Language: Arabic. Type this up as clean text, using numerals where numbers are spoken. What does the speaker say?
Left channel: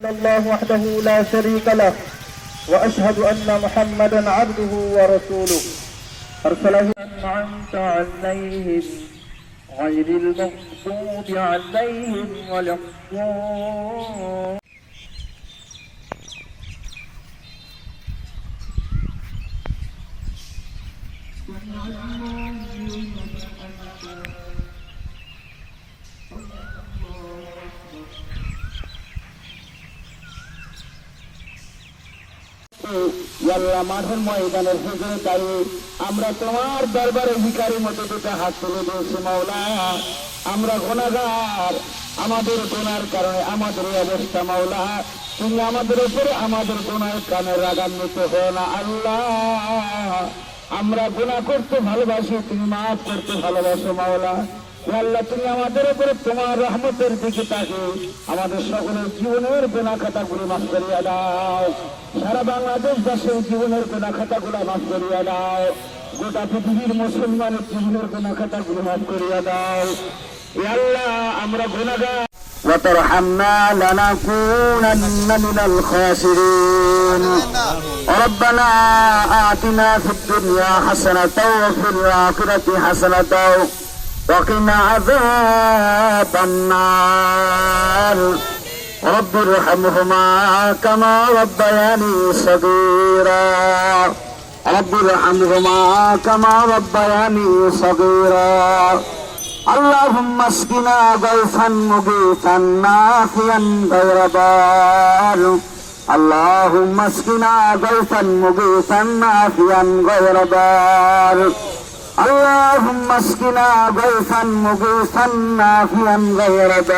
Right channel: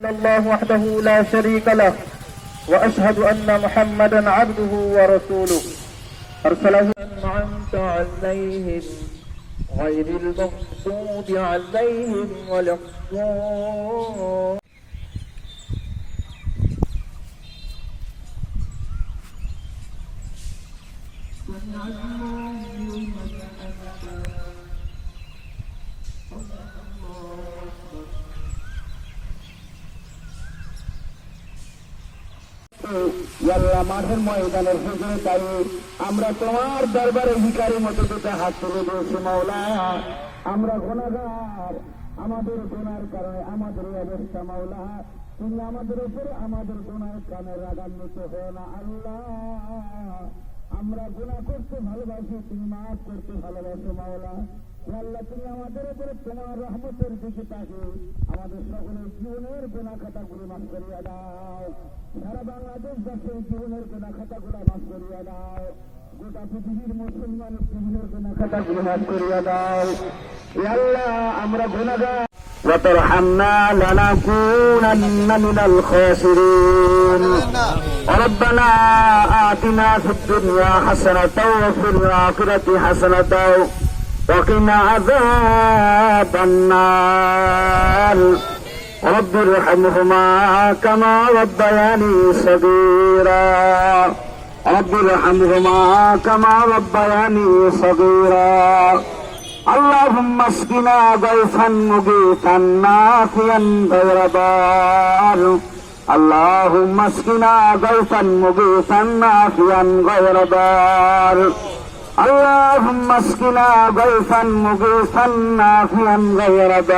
الله وحده لا شريك له وأشهد أن محمدا عبده ورسوله أرسله أنعمت عليهم غير المغضوب عليهم ولا الضالين. আল্লাহ মাঠের ময়দানের হুজুরে তাই আমরা তোমার দরবারে ভিখারির মতো দুটো হাত তুলে দিয়েছি মাওলা। আমরা গুনাহগার, আমাদের গুনার কারণে আমাদের এই অবস্থা মাওলা। তুমি আমাদের উপরে আমাদের গুনার কারণে রাগান্বিত হও না আল্লাহ। আমরা গুনাহ করতে ভালোবাসি, তুমি মাফ করতে ভালোবাসো মাওলা। আল্লাহ তুমি আমাদের উপরে তোমার রহমতের দিকে তাকে আমাদের সকলের জীবনের গুনাহ খাতাগুলো মাফ করিয়া দাও। সারা বাংলাদেশবাসীর জীবনের গুনাহ খাতাগুলো মাফ করিয়া দাও। গোটা পৃথিবীর মুসলমানের জীবনের গুনাহ খাতাগুলো মাফ করিয়া দাও। আল্লাহ আমরা গুনাহগার وترحمنا لنكونن من الخاسرين. ربنا آتنا في الدنيا حسنة وفي الآخرة حسنة وقنا عذاب النار. رب ارحمهما كما ربياني صغيرا. رب ارحمهما كما ربياني صغيرا. اللهم اسقنا غيثا مغيثا نافعا غير بار. اللهم اسقنا غيثا مغيثا نافعا غير بار. اللهم اسقنا غيثا مغيثا نافعا غير بار.